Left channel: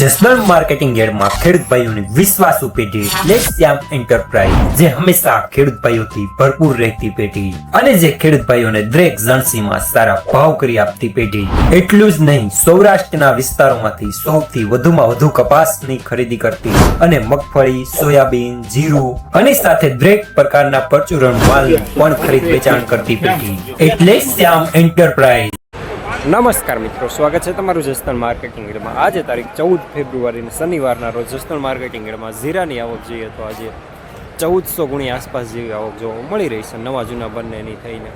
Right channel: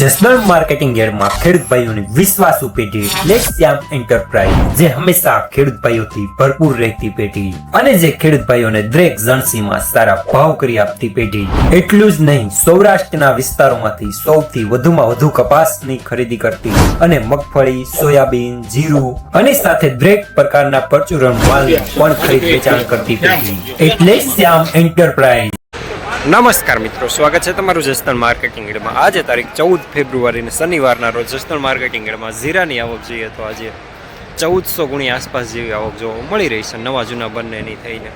Jasdan marketing યાર્ડમાં ખેડૂત ભાઈઓની વિશ્વાસુ પેઢી શ્યામ એન્ટરપ્રાઇઝ, જે હંમેશા ખેડૂત ભાઈઓથી ભરપૂર રહેતી પેઢી અને જે ખેડૂત ભાઈઓને દરેક જણસીમાં સારા ભાવ કરી આપતી પેઢી। એટલું જ નહીં, સૌરાષ્ટ્રના વિસ્તારોમાંથી સૌથી વધુમાં વધુ કપાસની ખરીદી કરતી અને મગફળી, સોયાબીન, જીરું અને સાથે દરેક પ્રકારના પરચુરણ માલ પણ ખરીદ વેચાણ કરતી પેઢી એટલે શ્યામ એન્ટરપ્રાઇઝ। નમસ્કાર મિત્રો, સ્વાગત છે તમારું જસદણ માર્કેટિંગ યાર્ડમાં। આજે તારીખ 14 ફેબ્રુઆરીને શનિવારના રોજ જસદણ માર્કેટિંગ યાર્ડમાં જીરાની આવક જોઈએ તો આજે 1400 ગુણી આસપાસ જેવી આવક જોવા મળી રહી છે, નવા જૂના બંનેની થઈને।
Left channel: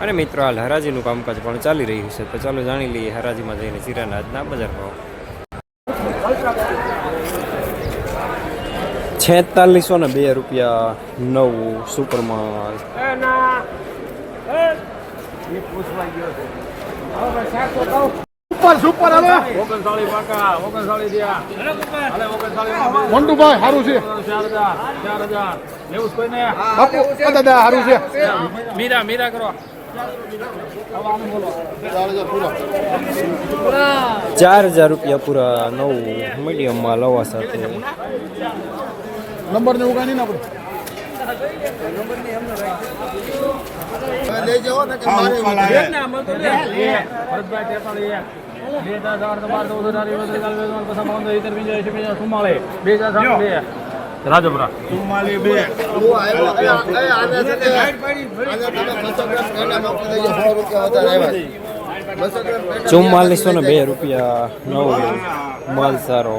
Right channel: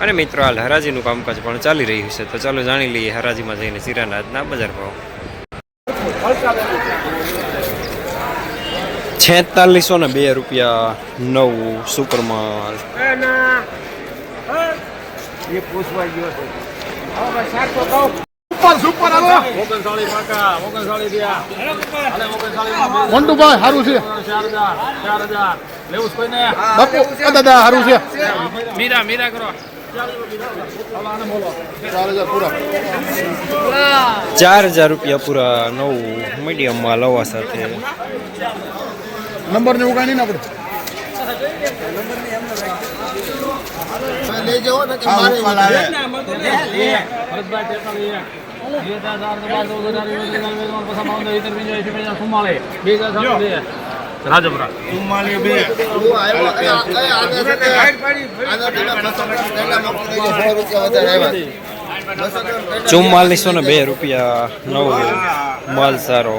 અને મિત્રો હાલ હરાજીનું કામકાજ પણ ચાલી રહ્યું છે, તો ચાલો જાણી લઈએ હરાજીમાં જઈને જીરાના આજના બજાર ભાવ। 4602 રૂપિયા નવું સુપરમાલ, સુપર હાલો 39 પાકા 39 દિયા મોંટુભાઈ હારું છે 4000 લેવું કોઈને બાપુ દાદા હારું છે મીરા કરો 4000 રૂપિયા પૂરા નવું મીડિયમ માં લવા સાથે નંબર ને ઉગાની ના પડે ले जाओ ना कि मारे वाला है भरतभाई 43 રાજપુરા 4402 રૂપિયા નવું માલ સારો।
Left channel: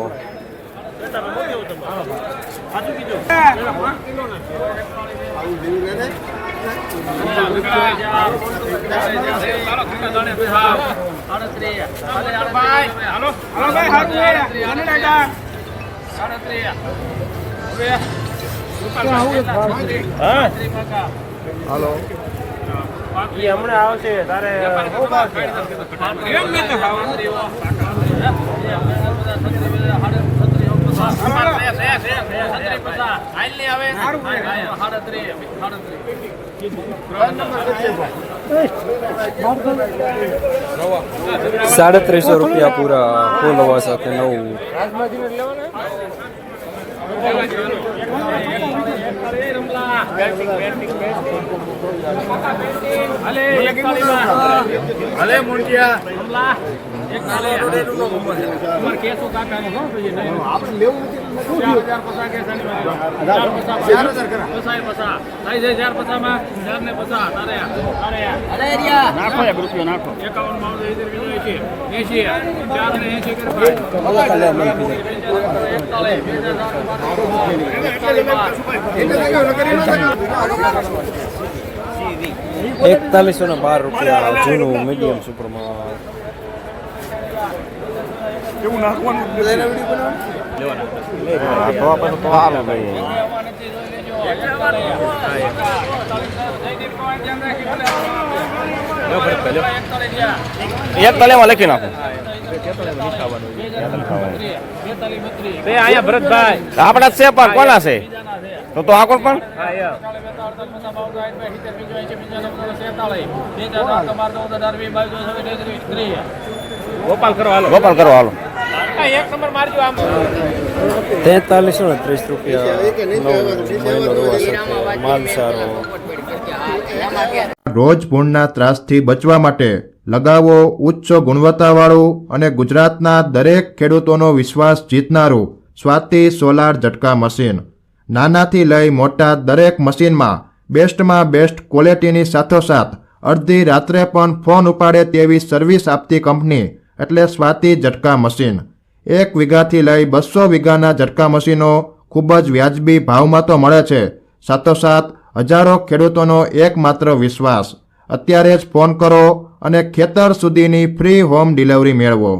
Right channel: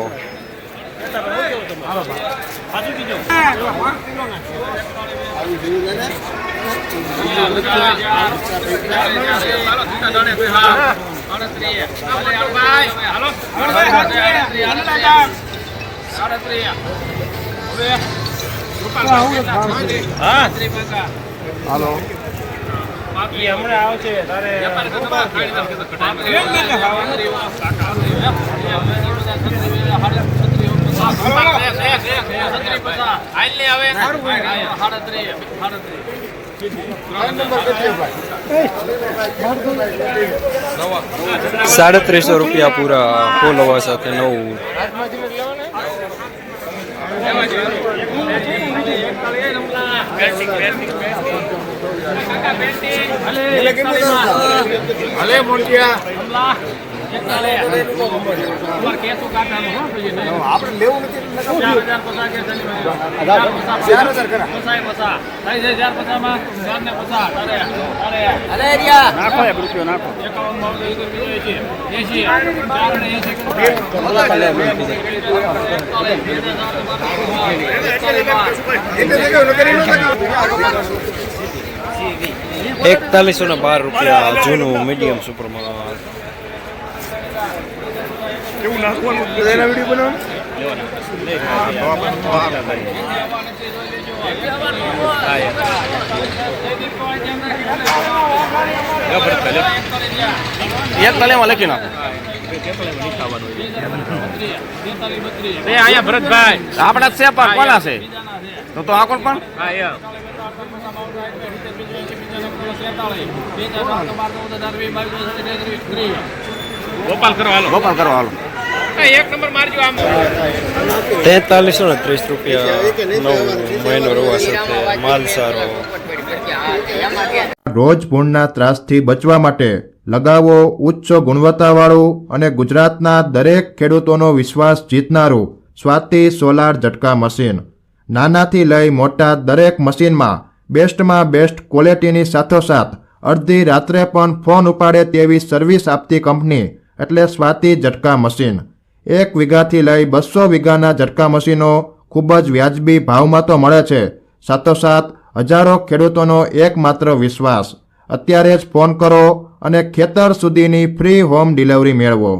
₹350 રૂપિયા પૂરા ફોલવા સાથે નવું। ₹4112 રૂપિયા જૂનું મીડિયમ સુપરમાલ। એક કલેમાં લખી નાખો ભરતભાઈ આપણા છે પણ કોના છે તો આ કોણ પણ ગોપાલ કરો હાલો એક નંબર મારજો આમ। 4330 રૂપિયા નવું મહિનો રવા સાથે માલ સારો। રોજ ભૂણના ત્રાસથી બચવા માટે લગાવો ઉચ્ચ ગુણવત્તાવાળું અને ગુજરાતના દરેક ખેડૂતોનો વિશ્વાસ જીતનારું સ્વાતિ સોલાર ઝટકા મશીન। નાનાથી લઈ મોટા દરેક મશીનમાં બેસ્ટમાં બેસ્ટ ક્વોલિટીની સાથોસાથ અડધી રાત્રે પણ ફોન ઉપાડે તેવી સર્વિસ આપતી કંપની એટલે સ્વાતિ ઝટકા મશીન। 1 વીઘાથી લઈ 200 વીઘાના ઝટકા મશીનો ખૂબ જ વ્યાજબી ભાવમાં તો મળે છે, સાથોસાથ હજારો ખેડૂતોનો એકમાત્ર વિશ્વાસ। અત્યારે જ ફોન કરો અને ખેતર સુધીની ફ્રી હોમ ડિલિવરી મેળવો।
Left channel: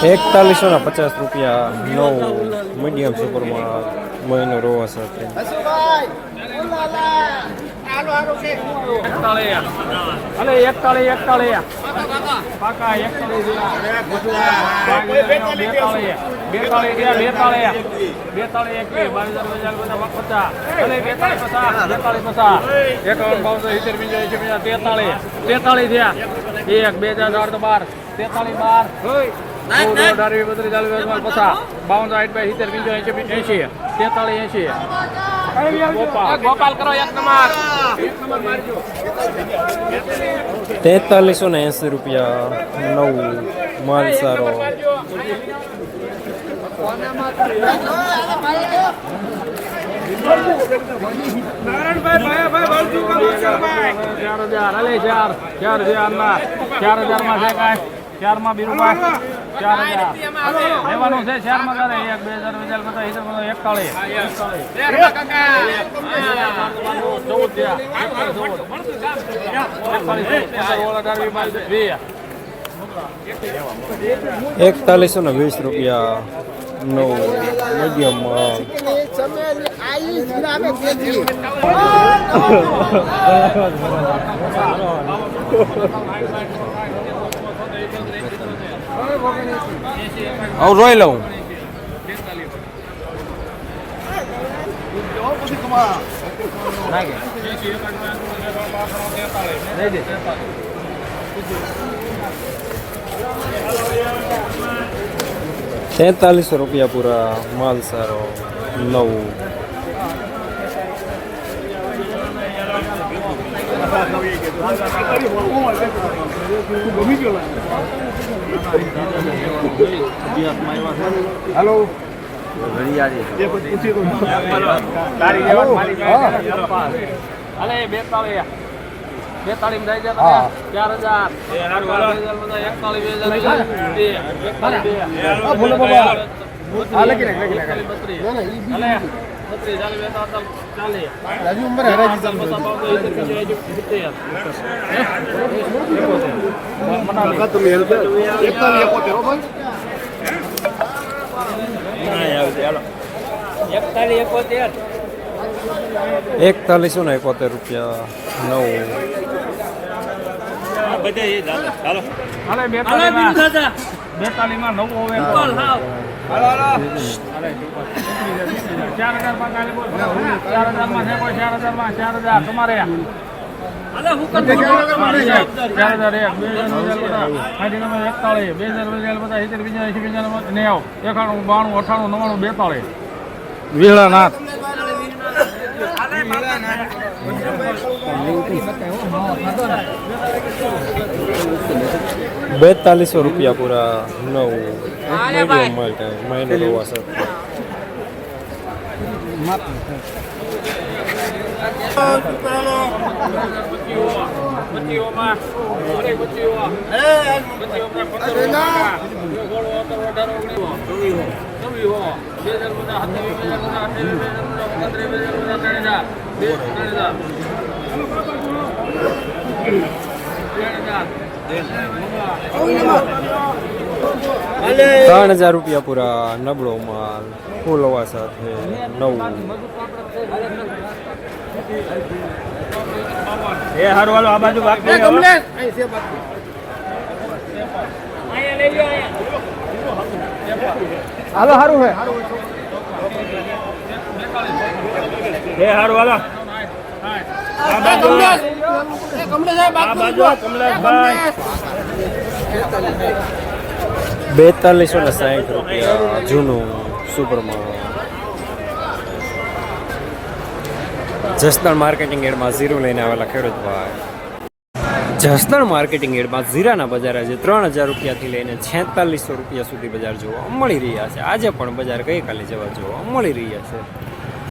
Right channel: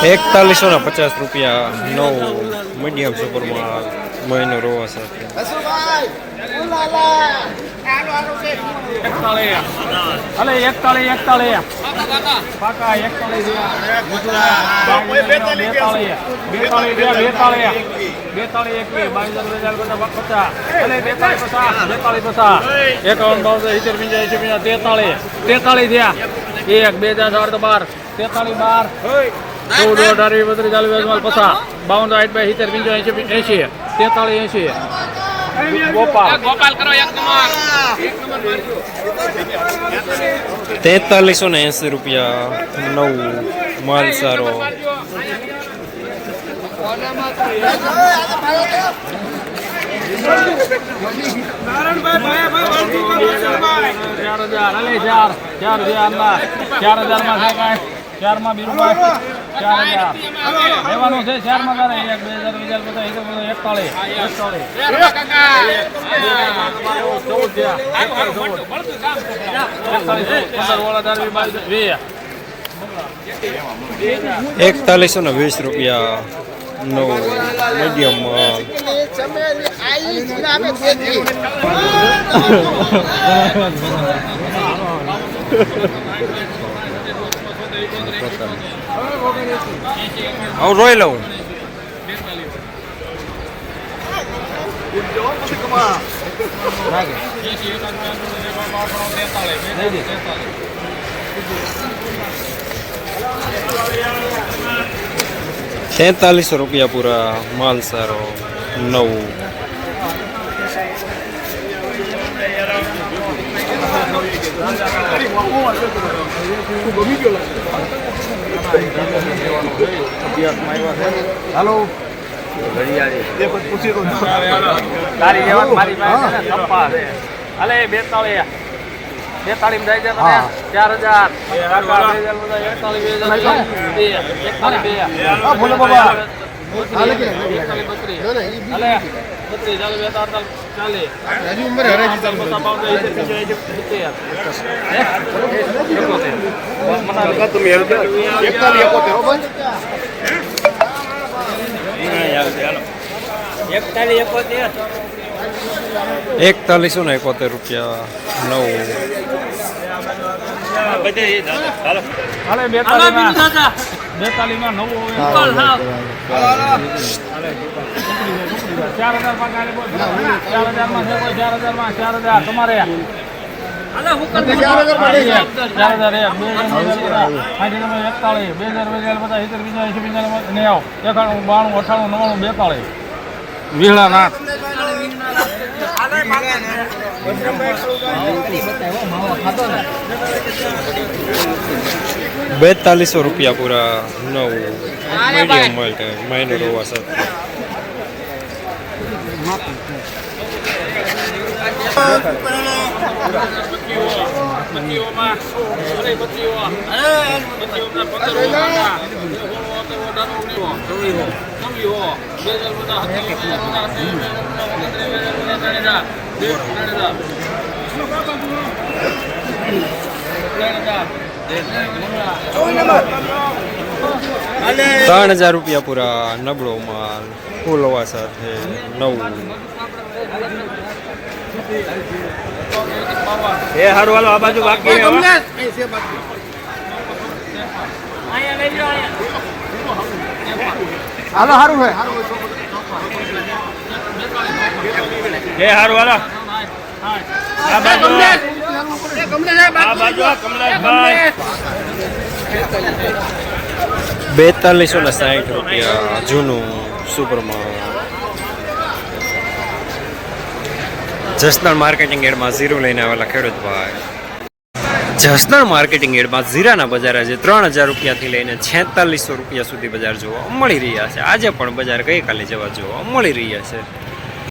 ₹4150 રૂપિયા નવું મીડિયમ સુપરમાં મહિનો રોવા સાથે। અલે 41 કાકા 41 ગોપાલ કરો એક નંબર 4380 રૂપિયા નવું માલ સારો. ચાર માં બીરુભાઈ 4000 લેવાનું છે. 4 માં 4120 રૂપિયા નવું મીડિયમ માલ. હું રોઈ લઉં. ₹43 રૂપિયા પૂરા માલ સારો નવું. હેલો અલે 42 જાય છે 4171 રૂપિયા નવું. વીળાનાથ 4200 રૂપિયા પૂરા નવું મીડિયમ માલ માઇનર હોવા સાથે. ₹3000 રૂપિયા પૂરા નબળો માલ ફૂલ હોવા સાથે નવું. હાલો સારું છે હારું વાલા 4260 રૂપિયા જૂનું સુપરમાં. જસદણ માર્કેટિંગ એડમાં ઝીરો લઈને આવેલા ખેડૂત ભાઈ. જસદણ માર્કેટિંગ એડમાં જીરાના બજાર આજે 3000 રૂપિયાથી લઈને 4600 રૂપિયા સુધી બજાર જોવા મળી રહ્યા છે. આજે પણ બજાર ગઈકાલે જેવા જોવા મળી રહ્યા છે.